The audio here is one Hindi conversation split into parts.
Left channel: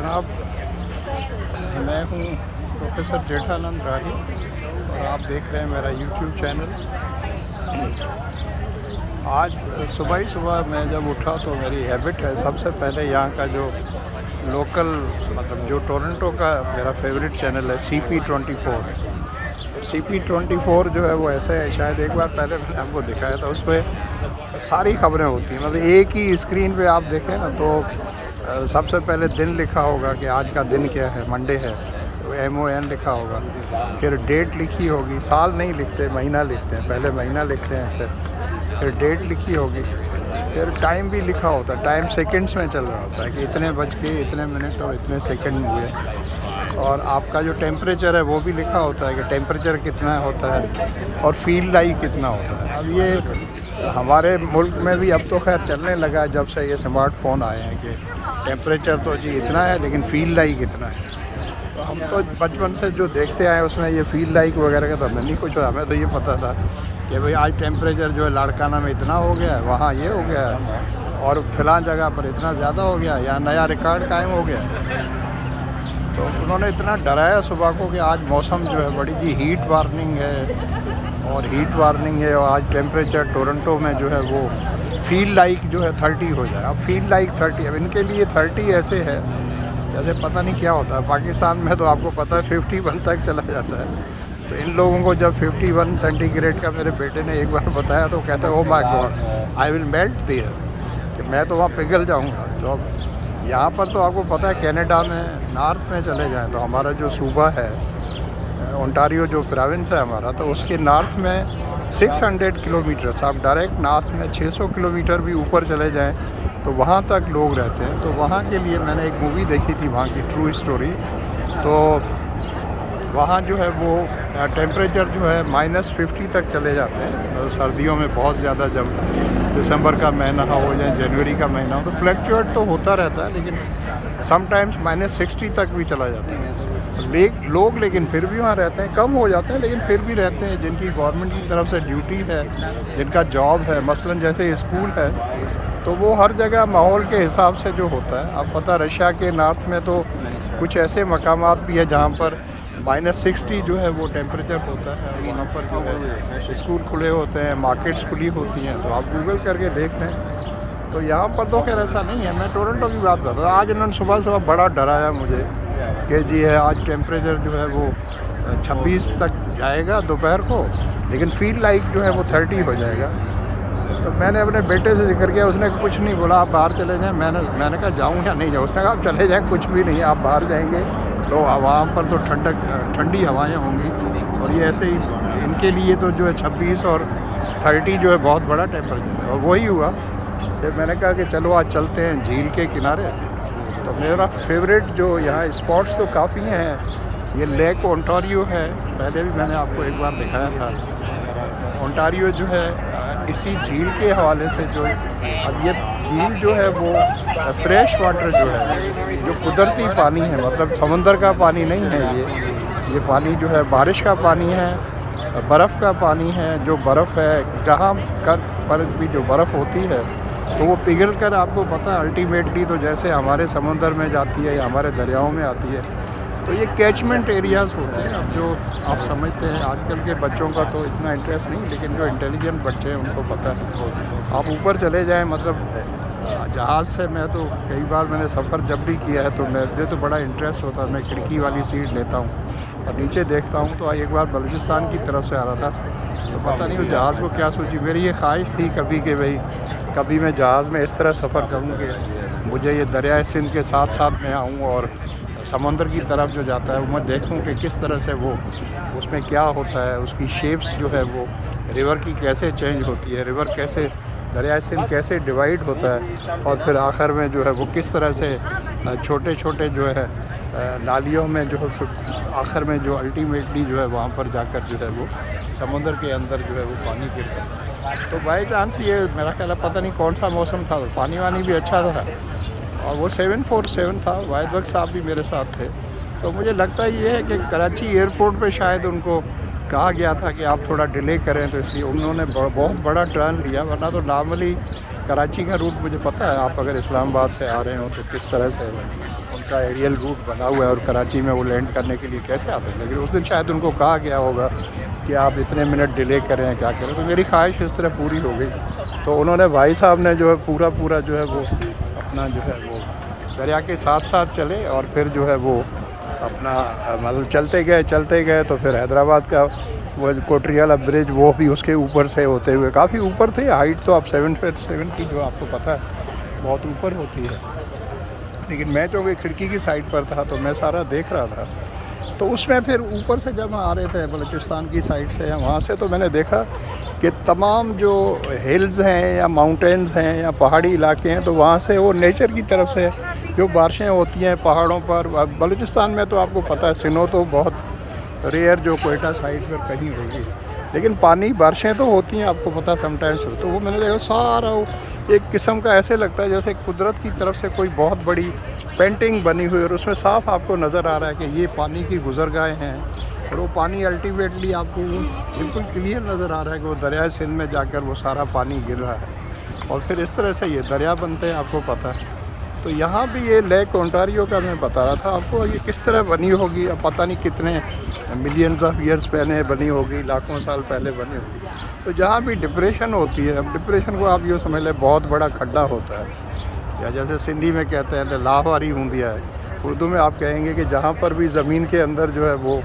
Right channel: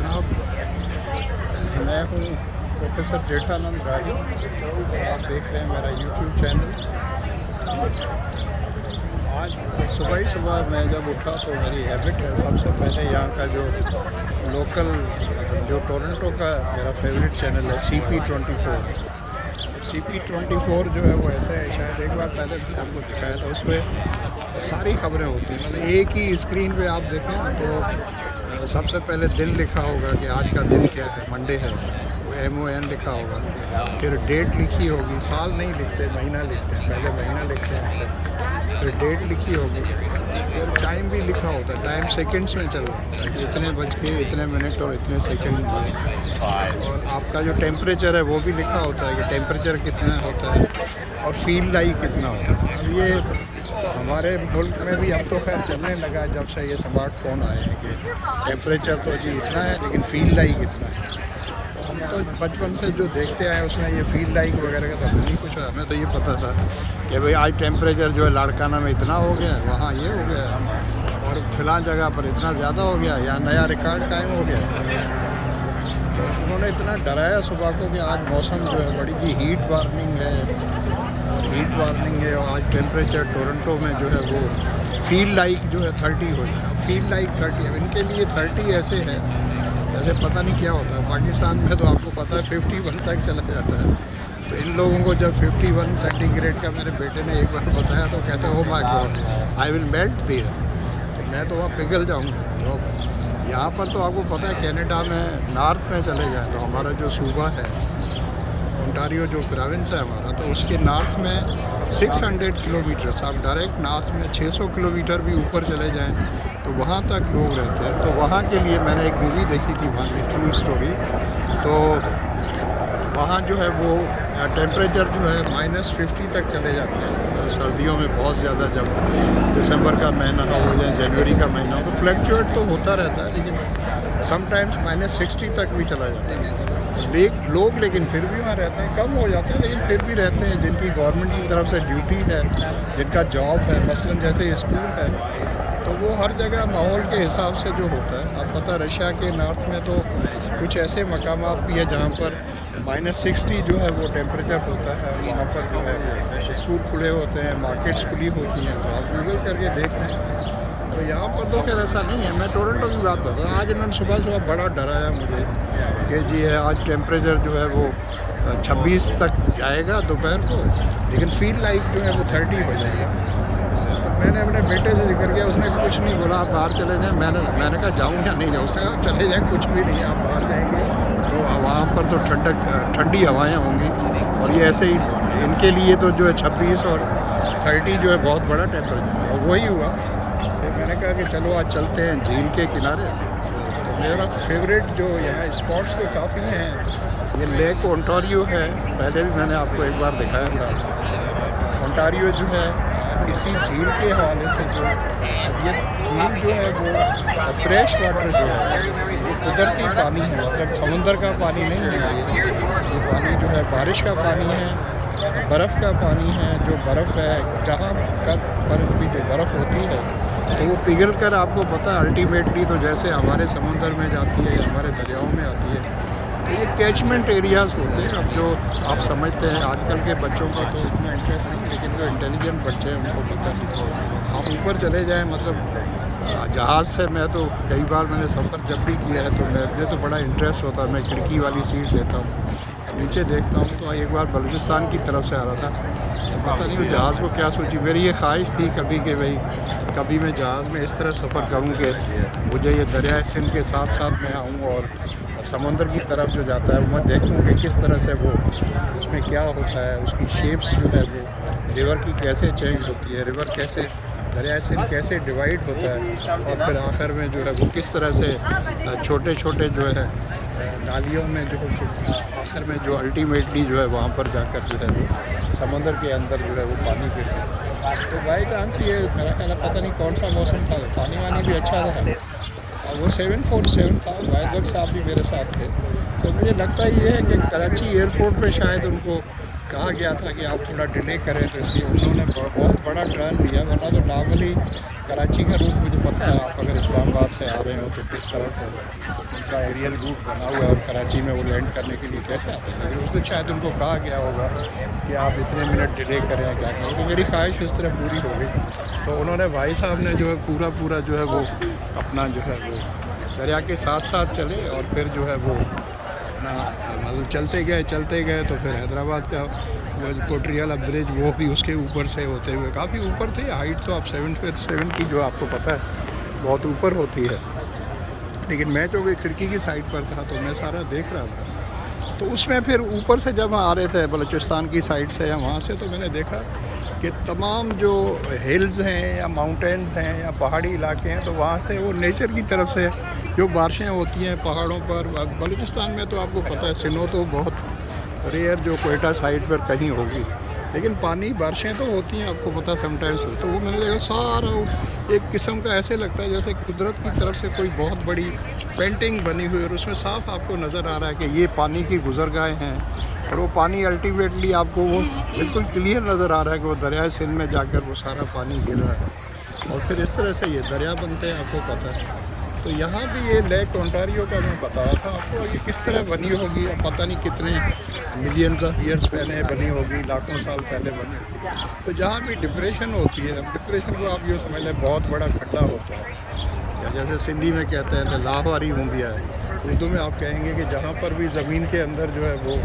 जनाब, मैं हूँ प्रोफेसर जेठानंद राही और आप देख रहे हैं मेरा यूट्यूब चैनल। आज सुबह ही सुबह मैं जब उठा तो मेरी हैबिट है सबसे पहले यहाँ का जो लोकल मतलब जो टोरंटो का मेरा फेवरेट चैनल है CP24। CP24 जो है वो ऐसे है, शायद एक बार पहले मैंने आपको दिखाया था, उस पर सारी खबरें होती हैं। मतलब एक ही स्क्रीन पे आप देखें ना तो सबसे पहले दिन लिखा होगा कि आज का दिन क्या है, मंडे है तो MON लिखा होगा, फिर डेट लिखी होगी, साल नहीं लिखते महीना लिखते हैं, पहले महीना लिखते हैं, फिर डेट लिखी होगी, फिर टाइम भी लिखा होता है, टाइम सेकंड्स में चल रहा होता है कि इतने बज के इतने मिनट और इतने सेकंड हुए, और आपका जो टेम्परेचर है वो भी लिखा होता है कि टेम्परेचर कितना होता है और फील लाइक कितना होता है। अब ये हमारे मुल्क में भी अब तो खैर चलने लगा जब से ये स्मार्टफोन आए हैं कि टेम्परेचर तो जी इतना है लेकिन फील लाइक कितना है। तो हम तो बचपन से जो देखते आए उसमें ये फील लाइक वगैरह का तो हमें नहीं कुछ, हमें तो ये पता था कि भाई आज टेम्परेचर जो है लाड़काना में इतना हो गया है, वहाँ ये हो गया है और फिलहाल जगह पर इतना ज़्यादा हो गया, यहाँ नया रिकॉर्ड कायम हो गया है। तो उन्होंने इतना डराया सुबह को कि आज मौसम जो है बड़ी जी हीट वार्निंग है और आज टेम्परेचर टोरंटो में जो है वो फील लाइक जो है 30 हो जाए। अब फील लाइक 30, अब इनके लिए 30 ऐसे है जैसे पता नहीं क्या होता है। पाकिस्तान में तो आपको पता है 51 तक चला जाता है। तो इन लोगों को जब 51 सेंटीग्रेड का मेरे बेटे ने एक बार बताया तो कहते हैं oh my god I will melt there, कि मैं तो वहाँ पिघल जाऊँगा। तो यहाँ पर तो आपको पता है कनाडा में नॉर्थ में चले जाएँ तो हमारा जो सूबा है ओंटारियो जो प्रोविंस है हमारा, तो उसके नॉर्थ में 600 किलोमीटर, आप डायरेक्ट नॉर्थ में 600 किलोमीटर भी ऊपर चले जाएं तो वहाँ तक लोग रहते हैं। तो वहाँ के लिए मैंने एक मूवी देखी थी, वहाँ की ट्रू स्टोरी। तो वहाँ जो है वो टेम्परेचर जो है -50 तक चले जाते हैं। तो सर्दियों में बहुत ज़्यादा, जब दिसंबर का महीना हो या जनवरी का महीना हो तो फ्लक्चुएट तो होता रहता है, लेकिन समटाइम्स -60 तक भी चला जाता है। लोग लेकिन फिर भी वहाँ रहते हैं, कम हो जाते हैं लेकिन फिर भी रहते हैं, जिनकी गवर्नमेंट की तरफ से ड्यूटी है, जिनका जॉब है, मसलन जैसे स्कूल है, तो वो हर जगह माहौल के हिसाब से जो होता है। अब पता रशिया के नॉर्थ में तो कुछ ऐसे मकामात भी है जहाँ पर -60 जो है वो टेम्परेचर होता है और वहाँ पर जो है स्कूल खुले होते हैं, मार्केट्स खुली होती हैं। तो आप गूगल करके देख लें। तो यहाँ पर तो खैर ऐसा नहीं है। मैं टोरंटो की बात बता रहा, आज इन्होंने सुबह बड़ा डराया मुझे कि जी है आज टेम्परेचर जो है वो 26 तक जाएगा दोपहर को, लेकिन फील लाइक जो है वो 30 हो जाएगा। तो मैंने अपने बेटे से जिक्र किया, उसने कुछ नहीं बोला, आप बाहर चले जाएं। मैंने कहा जाऊँ या नहीं जाऊँ, उसने कहा आप चले जाएं, कुछ भी नहीं, आप बाहर जाएंगे तो वहाँ पर तो ठंडी हवाएँ होंगी और ये ऐसे ही इनके लिए तो जो है 26 और 30 जो है बहुत बड़ा टेम्परेचर है। और वही हुआ। फिर मैंने कहा कि चलो आज चलते हैं झील के किनारे। तो मेरा फेवरेट जो यहाँ स्पॉट्स तो काफ़ी हैं। ये लेक ओंटारियो है, पहले भी मैंने आपको एक बार दिखाया था। ओंटारियो जो है इसी झील के हवाले से जो, अब ये झील जो है वो फ्रेश वाटर जो है, जो कुदरती पानी है, मतलब समंदर का पानी नहीं है, ये पानी जो है बारिश का पानी है, बर्फ़ का पानी है। जो बर्फ़ है जहाँ पर भी जो बर्फ़ होती है तो वो पिघल कर आपको पता है अल्टीमेटली तो जैसे हमारे समुंदर में जाती है या हमारे दरियाओं में आती है। तो ये कैचमेंट एरियाज़ होते हैं। अब जो आप समझते हैं, आजकल के बच्चों का तो इतना इंटरेस्ट नहीं, लेकिन जो इंटेलिजेंट बच्चे हैं उनको पता है। आप ऊपर चले जाएं, मतलब जहाज़ से मैं तो कई बार मैंने सफ़र जब भी किया है तो मुझे तो बड़ा इंटरेस्ट होता है। मैं खिड़की वाली सीट लेता हूँ और नीचे देखता हूँ। तो एक बार बलूचिस्तान की तरफ से आ रहा था तो पता नहीं उस जहाज़ को क्या सोची, मेरी ये ख्वाहिश थी कभी कि भाई कभी मैं जहाज़ में इस तरह सफ़र करूं कि मुझे ये दरिया सिंध के साथ साथ मैं आऊं और समंदर की तरफ जो जाता है वो मैं देखूं कि किस तरह से वो उसमें क्या होता है, उसकी शेप्स जो है वो रिवर की कैसे चेंज होती है, रिवर कैसे दरिया सिंध कैसे डिवाइड होता है, और फिर आखिर में जो है वो किस तरह से छोटे छोटे जो है नालियों में जो आखिर में जो अल्टीमेटली जो है वहाँ पर जाकर जो है वो समंदर के अंदर जो है वो पानी गिरता है। तो बाई चांस ये मेरा ख्याल है पता नहीं कौन सा मौसम था, तो पानी वानी भी अच्छा था और वो 747 था। वाहिद वक्त साहब भी मेरे साथ थे। तो मुझे लगता है ये है कि कराची एयरपोर्ट पे शायद उनको कहा गया था कि आप थोड़ा डिले करें, तो इसलिए उन्होंने बहुत बड़ा टर्न लिया, वरना तो नॉर्मली कराची का रूट मुझे पता है, आप अगर इस्लामाबाद से आ रहे हो तो किस तरह से उनका एरियल रूट बना हुआ है और कराची में वो लैंड करने के लिए कैसे आते हैं। लेकिन उस दिन शायद उनको कहा गया होगा कि आप इतने मिनट डिले करें, क्या करें, तो मेरी ख्वाहिश इस तरह पूरी हो गई। तो उन्होंने, भाई साहब ने जो है पूरा जो है वो अपना जो है वो दरिया के साथ साथ चले और फिर जो है वो अपना मतलब चलते गए तो फिर हैदराबाद का वो कोटरियाला ब्रिज, वो भी उसके ऊपर से होते हुए, काफ़ी ऊपर थे। हाइट तो आप 7 की जो आपको पता है बहुत ऊपर होती है, लेकिन मैं जो कि खिड़की की साइड पर था तो मैं सारा देख रहा था। तो उसमें फिर ऊपर से जब हम आ रहे थे बलूचिस्तान की साइड से या वहाँ से, तो मैंने देखा कि तमाम जो हिल्स हैं या माउंटेन्स हैं या पहाड़ी इलाके हैं, तो वहाँ से वो नेचर की तरफ से जो बारिशें होती हैं पहाड़ों पर। बलूचिस्तान में तो आपको पता है स्नो तो बहुत रेयर जो कोयटा साइड पर कहीं होगी, लेकिन पानी बारिशें तो होती हैं, आपको पता समटाइम्स। तो वो मैंने देखा सारा एक किस्म का ऐसे लगता है जैसे कुदरत की तरफ से कोई बहुत बड़ी पेंटिंग बनी हुई, और उसमें साफ आपको नज़र आ रहा है कि ये पानी की गुजरगाहें हैं, और वो पानी अल्टीमेटली आपको वो बिल्कुल क्लियर नज़र आ रहा है कि वो दरियाए सिंध में जाकर वो सारा पानी गिर रहा है और फिर इस तरह से ये दरिया बनते हैं, आपको पता है। तो यहाँ भी ये लेक ओंटारियो का मैं बता रहा था आपको, ये किस तरह बनी होगी, अब पता नहीं कितने मिलियंस ऑफ ईयर्स पहले बनी होगी, लाखों साल पहले बनी होगी। तो जहाँ भी डिप्रेशन होती है, अब डिप्रेशन को आप यूँ समझ लें बहुत बड़ा खड्डा होता है, या जैसे सिंधी में कहते हैं तो लाहवारी हूंदिया है, उर्दू में आप कहेंगे कि जहाँ पर भी ज़मीन के अंदर जो है वो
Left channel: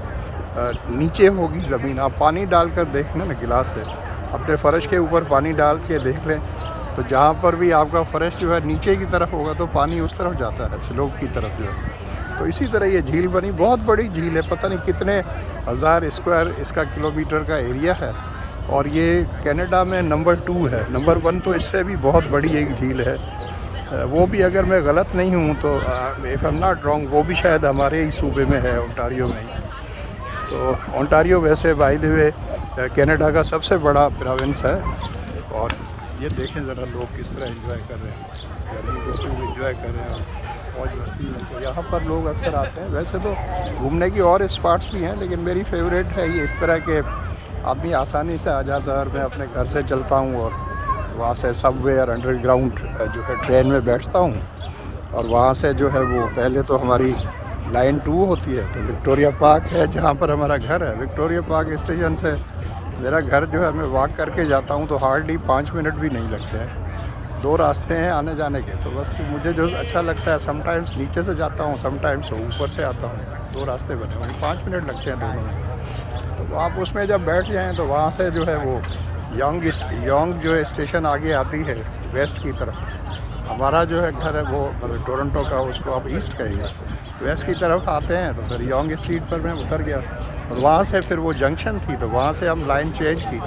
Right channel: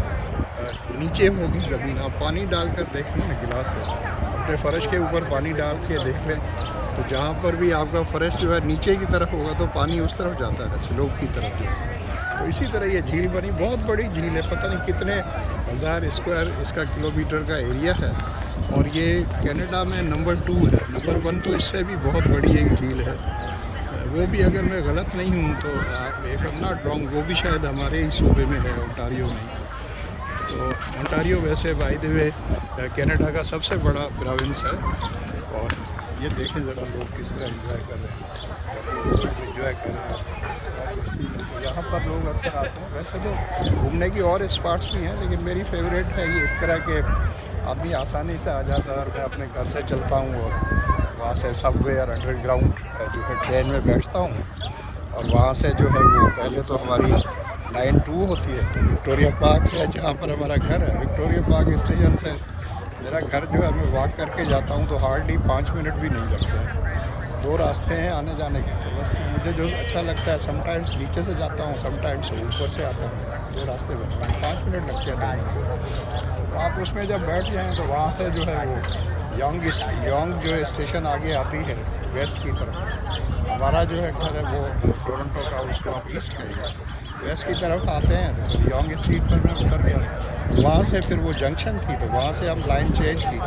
नीचे होगी ज़मीन, आप पानी डालकर देख लें ना गिलास से, अपने फ़र्श के ऊपर पानी डाल के देख लें, तो जहाँ पर भी आपका फ़र्श जो है नीचे की तरफ होगा तो पानी उस तरफ जाता है, स्लोप की तरफ जो है। तो इसी तरह ये झील बनी, बहुत बड़ी झील है, पता नहीं कितने हज़ार स्क्वायर इसका किलोमीटर का एरिया है, और ये कनाडा में नंबर 2 है। नंबर 1 तो इससे भी बहुत बड़ी एक झील है, वो भी अगर मैं गलत नहीं हूँ तो if I am not wrong, वो भी शायद हमारे ही सूबे में है, ओंटारियो में ही। तो ओंटारियो वैसे बाय द वे कनाडा का सबसे बड़ा प्रोविंस है, और ये देखें ज़रा लोग किस तरह एंजॉय कर रहे हैं, गर्मी को खूब एंजॉय कर रहे हैं और मौज मस्ती में। तो यहाँ पर लोग अक्सर आते हैं, वैसे तो घूमने की और स्पॉट्स भी हैं, लेकिन मेरी फेवरेट है ये इस तरह के आदमी आसानी से आ जाता है। और मैं अपने घर से चलता हूँ और वहाँ से सबवे और अंडरग्राउंड जो है ट्रेन में बैठता हूँ, और वहाँ से जो है वो पहले तो हमारी लाइन 2 होती है, तो विक्टोरिया पार्क है जहाँ पर हमारा घर है। विक्टोरिया पार्क स्टेशन से मेरा घर जो है, मैं वॉक करके जाता हूँ तो हार्डली 5 मिनट भी नहीं लगते हैं। 2 रास्ते हैं आने जाने के, तो बस मुझे जो अच्छा लगता है, समटाइम्स नीचे से जाता हूँ, समटाइम्स ऊपर से आता हूँ, 2 रास्ते बने हुए, 5 मिनट लगते हैं दोनों में। तो आप उसमें जब बैठ जाएँ तो वहाँ से जो है वो योंग जो स्टेशन आगे आती है वेस्ट की तरफ, हमारा जो है घर है वो मतलब टोरंटो का, उसको आप ईस्ट कहिए, वेस्ट की तरफ आते हैं। तो फिर योंग स्ट्रीट पर मैं उतर गया, और वहाँ से फिर वो जंक्शन थी, तो वहाँ से हम लाइन चेंज की,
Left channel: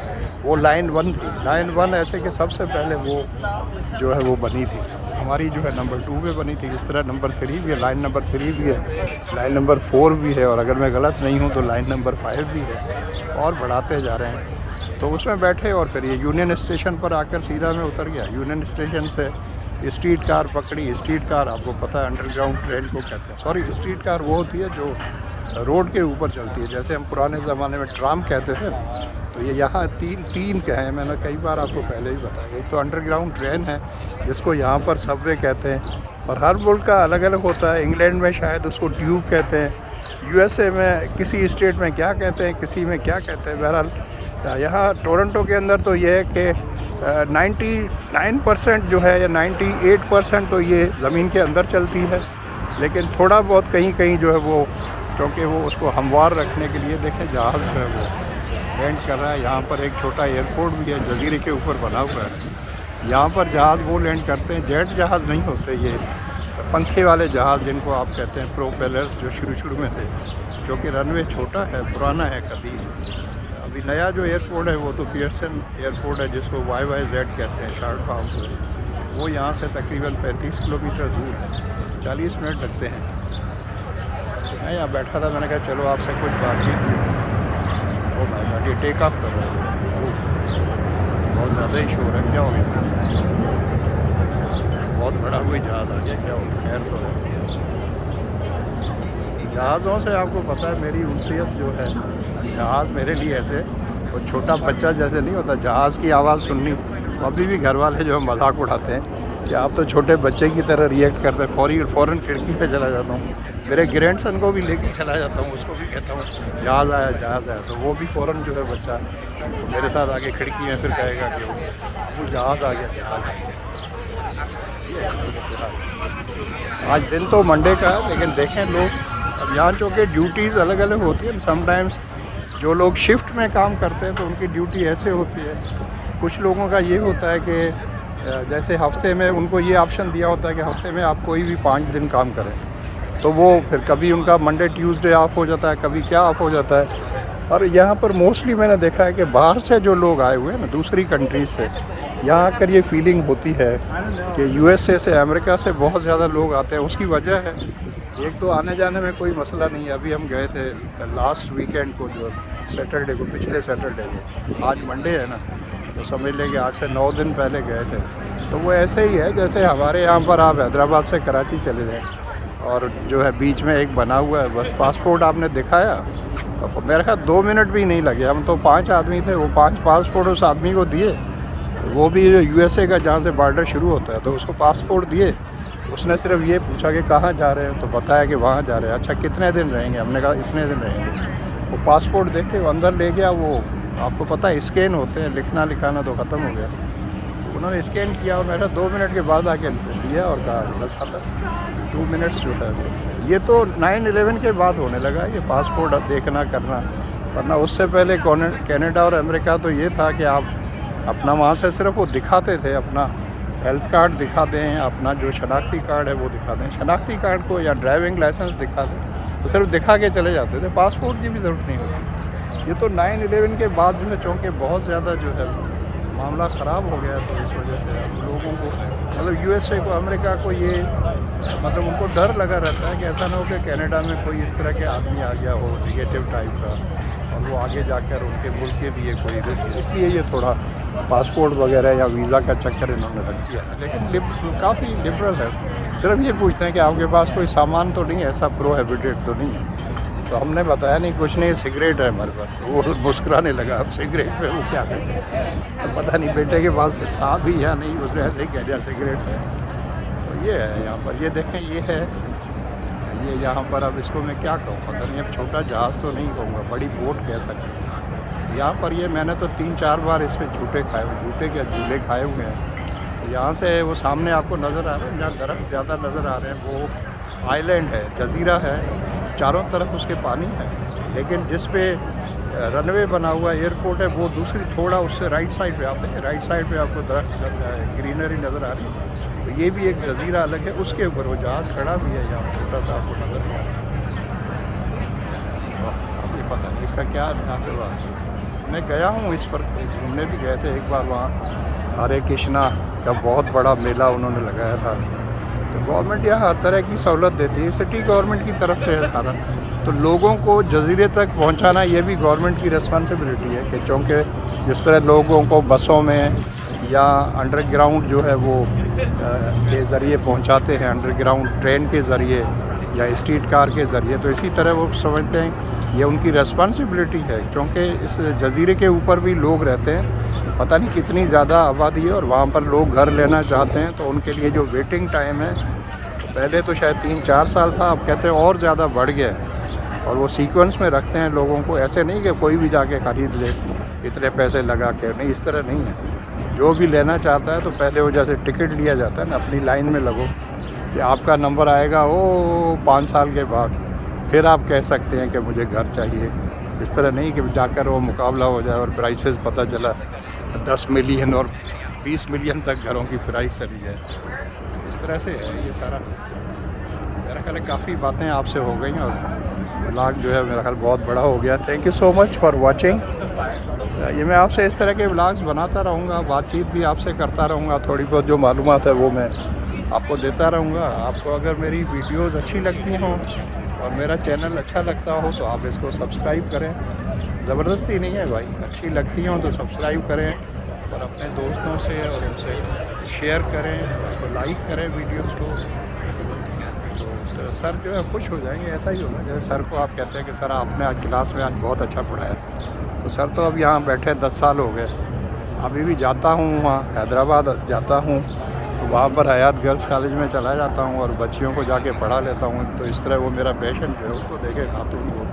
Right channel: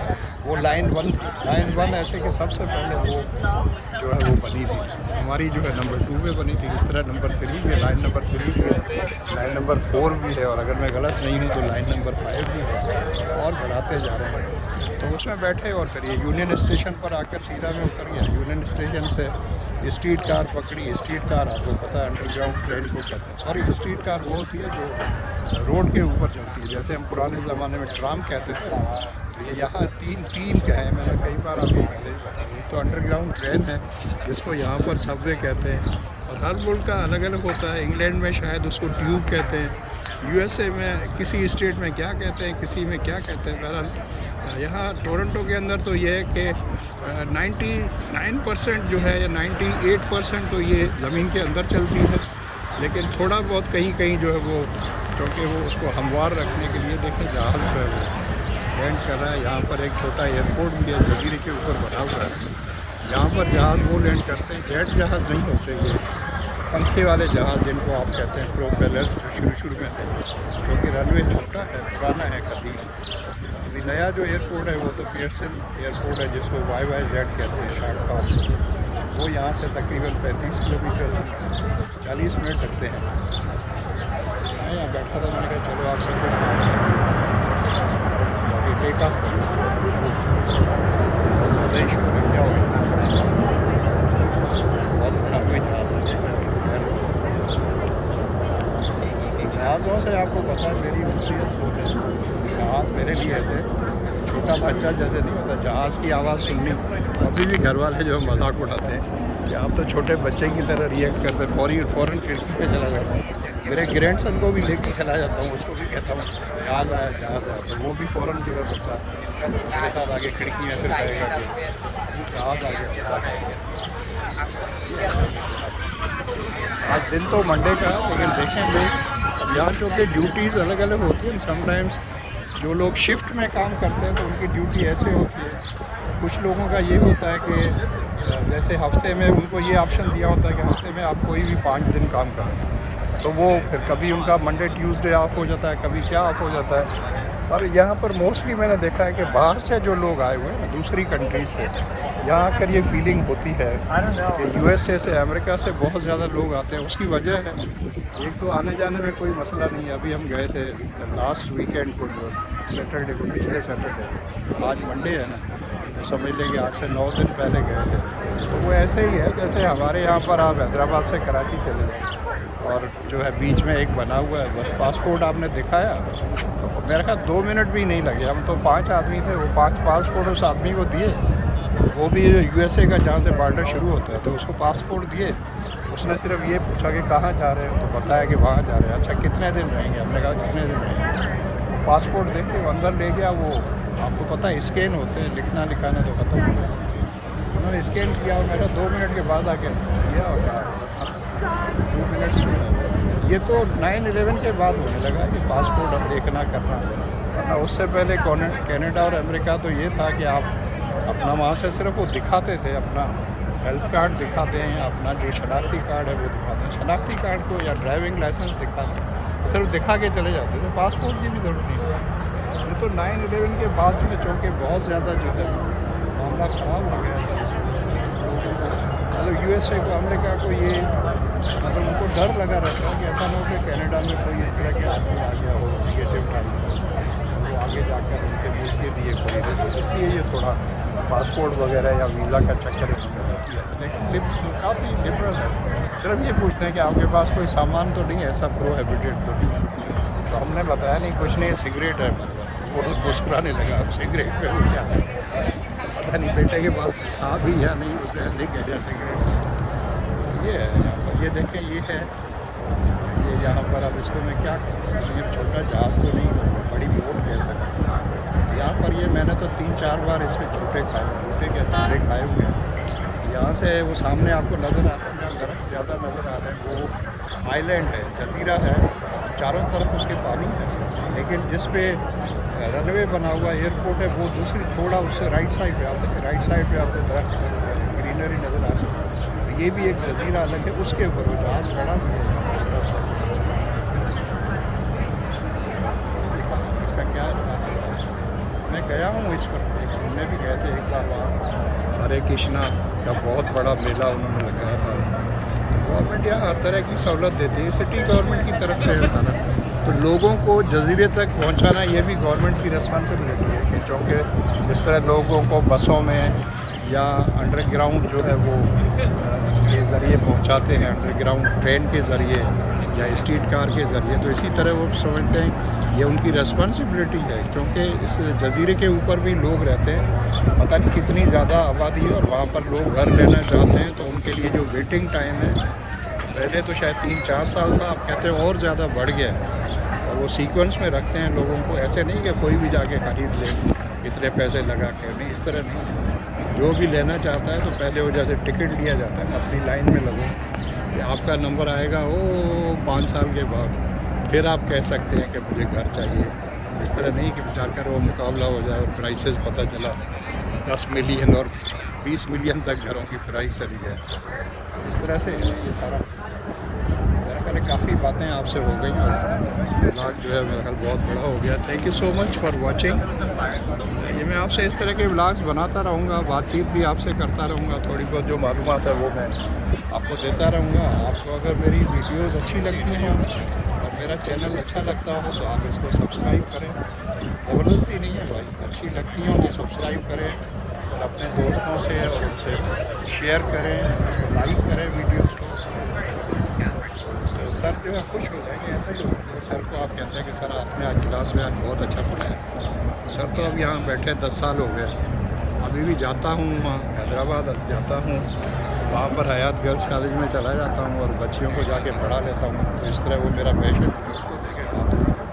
वो लाइन 1 थी। लाइन 1 ऐसे कि सबसे पहले वो जो है वो बनी थी, हमारी जो है नंबर 2 पे बनी थी। इस तरह नंबर 3 भी है, लाइन नंबर 3 भी है, लाइन नंबर 4 भी है, और अगर मैं गलत नहीं हूँ तो लाइन नंबर 5 भी है, और बढ़ाते जा रहे हैं। तो उसमें बैठे और फिर ये यूनियन स्टेशन पर आकर सीधा मैं उतर गया। यूनियन स्टेशन से स्ट्रीट कार पकड़ी। स्ट्रीट कार आपको पता है अंडरग्राउंड ट्रेन को कहते हैं, सॉरी स्ट्रीट कार वो होती है जो रोड के ऊपर चलती है, जैसे हम पुराने ज़माने में ट्राम कहते थे। तो ये यहाँ तीन कहे, मैंने कई बार आपको पहले ही बताया। एक तो अंडरग्राउंड ट्रेन है जिसको यहाँ पर सबवे कहते हैं, और हर मुल्क का अलग अलग होता है। इंग्लैंड में शायद उसको ट्यूब कहते हैं, यूएसए में किसी स्टेट में क्या कहते हैं, किसी में क्या कहते हैं। बहरहाल यहाँ टोरंटो के अंदर तो ये है कि 99% जो है या 98% तो ये ज़मीन के अंदर चलती है, लेकिन थोड़ा बहुत कहीं कहीं जो है वो, क्योंकि वो उसको हमवार रखने के लिए देखें जहाज़ जो है वो लैंड कर रहा है। यहाँ पर एक छोटा एयरपोर्ट भी है, जजीरे के ऊपर बना हुआ है। यहाँ पर जहाज़ वो लैंड करते हैं, जेट जहाज़ नहीं होते, ये पंखे वाले जहाज़ जिनको आप कहते हैं प्रोपेलर्स, जो शुरू में थे, क्योंकि रनवे छोटा है, पुराना है कभी। अभी नया जो एयरपोर्ट है वो तो पीएसएम एयरपोर्ट है, जिसको YYZ कहते हैं, शार्ट फार्म से। वो यहाँ से तकरीबन 35 किलोमीटर दूर है, 40 मिनट लगते हैं। मैं यहाँ बैठा था, मैंने कहा चलो आपसे कुछ बातचीत की, और बाकी टेक ऑफ कर रहे थे। बहुत ज़्यादा ही शोर है, क्या हो गया? बहुत बड़ा कोई जहाज़ आ गया, क्या हो गया? खैर तो जहाज़ों से आपको पता है मेरी उनसीयत जो है, जहाज़ मेरे लिए ऐसे वो छोटा बच्चा जैसे नहीं होता, जहाज़ की आवाज़ सुननी, वो अभी भी घर वाले जो है मजाक उड़ाते हैं कि आप तो छोटे बच्चे की तरह रिएक्ट करते हैं। फ़ौरन खिड़की पे चला जाता हूँ, मेरे ग्रैंडसन को भी लेके चला जाता हूँ, उसको भी कहता हूँ जहाज़ आया जहाज़ आया, तो वो भी फ़ौरन जो है बच्चा तो मेरे साथ आगे खिड़की में फिर कहेगा कि वो जहाज़ आ गया जहाज़ आ गया। ये है। आज दिन तो मंडे का है, लेकिन देखें लोग अब यहाँ चूँकि ड्यूटीज़ अलग अलग होती है, समटाइम्स जो लोग शिफ्ट में काम करते हैं तो उनकी ड्यूटी ऐसे होती है। कुछ लोगों का ये होता है कि जैसे हफ्ते में उनको ये ऑप्शन दिया होता है कि हफ्ते में आप कोई भी 5 दिन काम करें, तो वो फिर कभी उनका मंडे ट्यूसडे ऑफ हो जाता है, कभी क्या ऑफ हो जाता है। और यहाँ पर मोस्टली मैंने देखा है कि बाहर से जो लोग आए हुए हैं ना, दूसरी कंट्रीज से, यहाँ आकर ये फीलिंग होती है कि यूएसए से, अमेरिका से बहुत ज़्यादा लोग आते हैं। उसकी वजह है, एक तो आने जाने में कोई मसला नहीं है। अभी हम गए थे लास्ट वीकेंड को, जो सैटरडे को, पिछले सैटरडे को, आज मंडे है ना, तो समझ लें कि आज से 9 दिन पहले गए थे। तो वो ऐसे ही है जैसे हमारे यहाँ पर आप हैदराबाद से कराची चले जाएँ और जो है बीच में एक बना हुआ है, बस पासपोर्ट आपने दिखाया तो मेरे ख्याल 2 मिनट भी नहीं लगे। हम तो 5 आदमी थे, वो 5 पासपोर्ट उस आदमी को दिए, वो भी यूएसए का जहाँ से बॉर्डर शुरू होता है, तो उसको पासपोर्ट दिए। उसने सिर्फ ये पूछा कि कहाँ जा रहे हैं, तो बताया कि वहाँ जा रहे हैं। अच्छा कितने दिन रहेंगे, हमने कहा इतने दिन रहेंगे। वो पासपोर्ट देख के वो अंदर ले गया। वो आपको पता है स्कैन होते हैं, लिखना लिखाना तो ख़त्म हो गया। उन्होंने स्कैन किया और मेरा 2 मिनट के बाद आके दिया और कहा बस खत्म, 2 मिनट्स जो है। ये तो 9/11 के बाद होने लगा है कि पासपोर्ट अब देखना करना, वरना उससे पहले कनाडा और अमेरिका तो ये था कि आप अपना वहाँ से सिर्फ वो दिखाते थे, अपना हेल्थ कार्ड दिखा दें, अपना जो शनाख्ती कार्ड है वो दिखा दें, शनाख्ती कार्ड को या ड्राइविंग लाइसेंस दिखा दें, तो सिर्फ दिखा के चले जाते थे, पासपोर्ट की भी ज़रूरत नहीं। ये तो 9/11 के बाद जो है चूँकि बहुत ज़्यादा जो है मामला ख़राब हो गया, तो इस वजह से अब लोगों को, मतलब यूएसए को, अमेरिका को ये मतलब उनको डर लगा रहता है कि ऐसा ना हो कि कनाडा में कोई इस तरह के आदमी आ गया हो निगेटिव टाइप का, और वो आगे जाकर उनके मुल्क के लिए कोई रिस्क, इसलिए ये थोड़ा पासपोर्ट वगैरह या वीज़ा का चक्कर इन्होंने रख दिया है। लेकिन काफ़ी लिबरल है, सिर्फ ये पूछते हैं कि आपके पास कोई सामान तो नहीं, ऐसा प्रोहिबिटेड तो नहीं। तो हमने बताया नहीं, कुछ नहीं, सिगरेट है हमारे पास। वो मुस्कुराने लगा, अब सिगरेट पे वो क्या करते, तो पता नहीं बेटे के पास था भी या नहीं, उसने ऐसे ही कह दिया सिगरेट से। तो ये है यहाँ पर, ये देखें, ये है ये यहाँ पर। अब इसको मैं क्या कहूँ, पता नहीं, अब छोटा जहाज़ तो नहीं कहूँगा, बड़ी बोट कह सकते हैं। यहाँ पर ये मैंने तो 3-4 बार इस पर झूठे क्या झूले खाए हुए हैं। यहाँ से वो सामने आपको नज़र आ रहा है, जहाँ दरख्त ज़्यादा नज़र आ रहे हैं, वो आइलैंड है, जजीरा है, चारों तरफ उसके पानी है, लेकिन जिस पे रनवे बना हुआ एयरपोर्ट है वो दूसरी थोड़ा उससे राइट साइड पे, आप देखिए राइट साइड पे आपको दरख्त ग्रीनरी नज़र आ रही है। तो ये भी एक जजीरा अलग है, उसके ऊपर वो जहाज़ खड़ा भी है, यहाँ छोटा सा आपको नज़र आ रहा है। इसका क्या बात है, मैं गया हूँ इस पर, घूमने भी गए थे एक बार वहाँ। हरे कृष्णा का बहुत बड़ा मेला उन्होंने लगाया था। तो गवर्नमेंट यहाँ हर तरह की सहूलत देती है, सिटी गवर्नमेंट की तरफ से है सारा। तो लोगों को जजीरे तक पहुँचाना ये भी गवर्नमेंट की रिस्पॉन्सिबिलिटी है। तो चूँकि जिस तरह लोगों को बसों में या अंडरग्राउंड जो है वो के ज़रिए पहुँचाते हैं, अंडरग्राउंड ट्रेन के ज़रिए या स्ट्रीट कार के ज़रिए, तो इसी तरह वो समझते हैं ये उनकी रिस्पॉन्सिबिलिटी है। क्योंकि इस जजीरे के ऊपर भी लोग रहते हैं, पता नहीं कितनी ज़्यादा आबादी है, और वहाँ पर लोग घर लेना चाहते हैं, तो उनके लिए जो वेटिंग टाइम है, पहले तो शायद 3-4 साल था, अब कहते हैं और ज़्यादा बढ़ गया है। और वो सीक्वेंस में रखते हैं लोगों को, ऐसे नहीं कि कोई भी जाके ख़रीद ले इतने पैसे लगा के, नहीं, इस तरह नहीं है। जो भी लेना चाहता है तो पहले वो जैसे टिकट लिया जाता है ना, अपनी लाइन में लगो कि आपका नंबर आएगा वो 5 साल के बाद, फिर आप कह सकते हैं कि मुझे घर चाहिए। इस तरह नहीं कि जाकर वो मुकाबला हो जाए और प्राइसेस पता चला 10 मिलियन और 20 मिलियन तक घरों की प्राइस चली जाए। तो इस तरह से है ये सारा। मेरा ख्याल है काफ़ी बातें आपसे हो गई और व्लॉग जो है मेरा ख्याल बहुत बड़ा हो गया। Thank you so much for watching. ये मैं आपसे इस तरह के व्लॉग्स बनाता रहूँगा, बातचीत भी आपसे करता रहूँगा, थोड़ी बहुत जो मालूमात है वो मैं आपको देता रहूँगा। आपको अगर मेरी वीडियोज़ अच्छी लगती हों और मेरा चैनल अच्छा लगता हो तो आप इसको सब्सक्राइब करें। ज़बरदस्ती नहीं है भाई, अच्छी लगती हों तो सब्सक्राइब करें और अपने दोस्तों से और उनसे शेयर करें, उसको लाइक करें वीडियोज़ को। तो सर जो है खुश हो जाएंगे, ऐसा ही होगा जैसे सर को आप कहते हैं कि सर आपने आज क्लास में आज बहुत अच्छा पढ़ाया, सर तो अब यहाँ बैठे 10 साल हो गए। अभी भी जाता हूँ वहाँ हैदराबाद जाता हूँ, वहाँ पर हयात गर्ल्स कॉलेज में चला जाता हूँ और बच्चियों को जाके पढ़ा लेता हूँ। तो इस तरह वो मेरा पैशन जो है, उसको देखे खातून को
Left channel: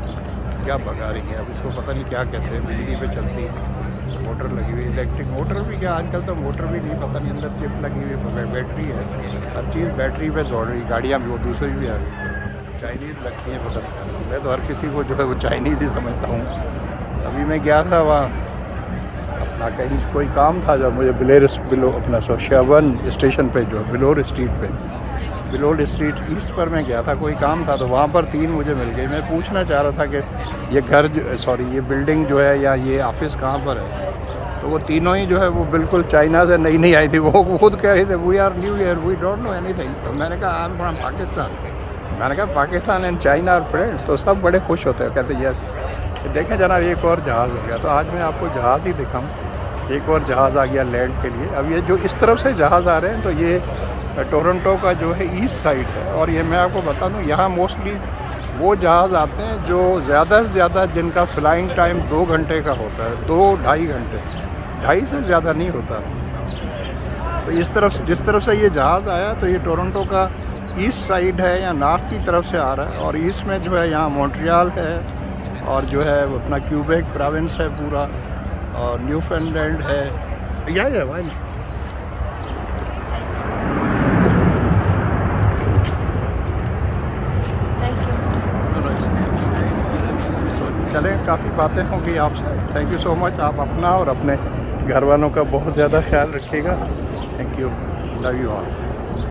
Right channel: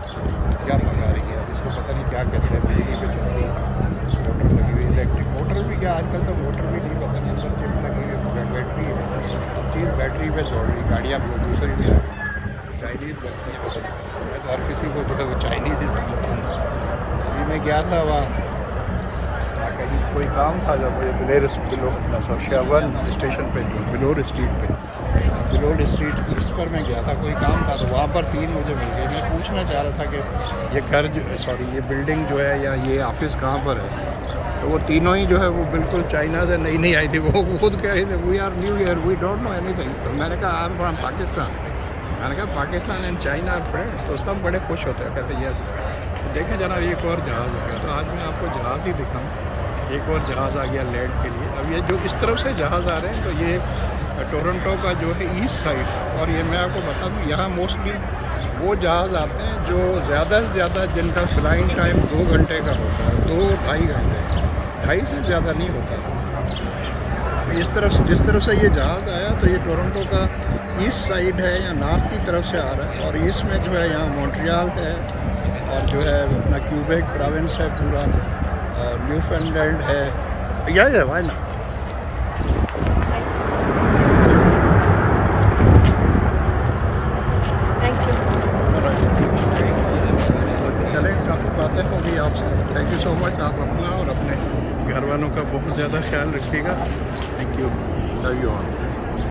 क्या पका रही है। अब इसको पता नहीं क्या कहते हैं, बिजली पे चलती मोटर लगी हुई, इलेक्ट्रिक मोटर भी क्या, आजकल तो मोटर भी नहीं, पता नहीं अंदर चिप लगी हुई है, बैटरी है, हर चीज़ बैटरी पे दौड़ रही। गाड़ियाँ भी वो दूसरी भी आ रही, चाइनीज़ लगती है पता नहीं। मैं तो हर किसी को जो है वो चाइनीज़ ही समझता हूँ। अभी मैं गया था वहाँ कहीं कोई काम था, जब मुझे बिलो अपना सोशियावन स्टेशन पे जो बिलोर स्ट्रीट पे, बिलोर स्ट्रीट ईस्ट पर मैं गया था, कोई काम था, तो वहाँ पर 3 मुझे मिल गए। मैं पूछना चाह रहा था कि ये घर ये बिल्डिंग जो है या ये ऑफिस कहाँ पर है। तो वो तीनों ही जो है वो बिल्कुल चाइना से नहीं आई थी। वो खुद कह रहे थे we are new year, we don't know anything. तो मैंने कहा आई एम फ्रॉम पाकिस्तान। मैंने कहा Pakistan and China are friends. तो सब बड़े खुश होते हैं, कहते यस। तो देखें जना, एक और जहाज़ हो गया। तो आज मैं आपको जहाज़ ही दिखाऊँ। एक और जहाज़ आ गया लैंड के लिए। अब ये जो इस तरफ से जहाज़ आ रहे हैं, तो ये टोरंटो का जो है ईस्ट साइड पर। और ये मैं आपको बता दूँ, यहाँ मोस्टली वो जहाज़ आते हैं जो ज़्यादा से ज़्यादा जिनका फ़्लाइंग टाइम 2 घंटे का होता है, 2-2.5 घंटे, 2.5 से ज़्यादा नहीं होता। तो इस तरफ, जिस तरफ से ये जहाज़ आया, तो ये टोरंटो का ईस्ट साइड है या नॉर्थ की तरफ से आ रहा है। और ईस्ट में जो है यहाँ मॉन्ट्रियल है, और जो है अपना क्यूबेक प्रोविंस है पूरा, और न्यूफाउंडलैंड है। या वाई ना। सो चलें, काफ़ी बातें होंगी आपसे। Thank you so much. आप अपना और अपने घर वालों का बहुत ज़्यादा ख्याल रखिएगा। Thank you, love you all.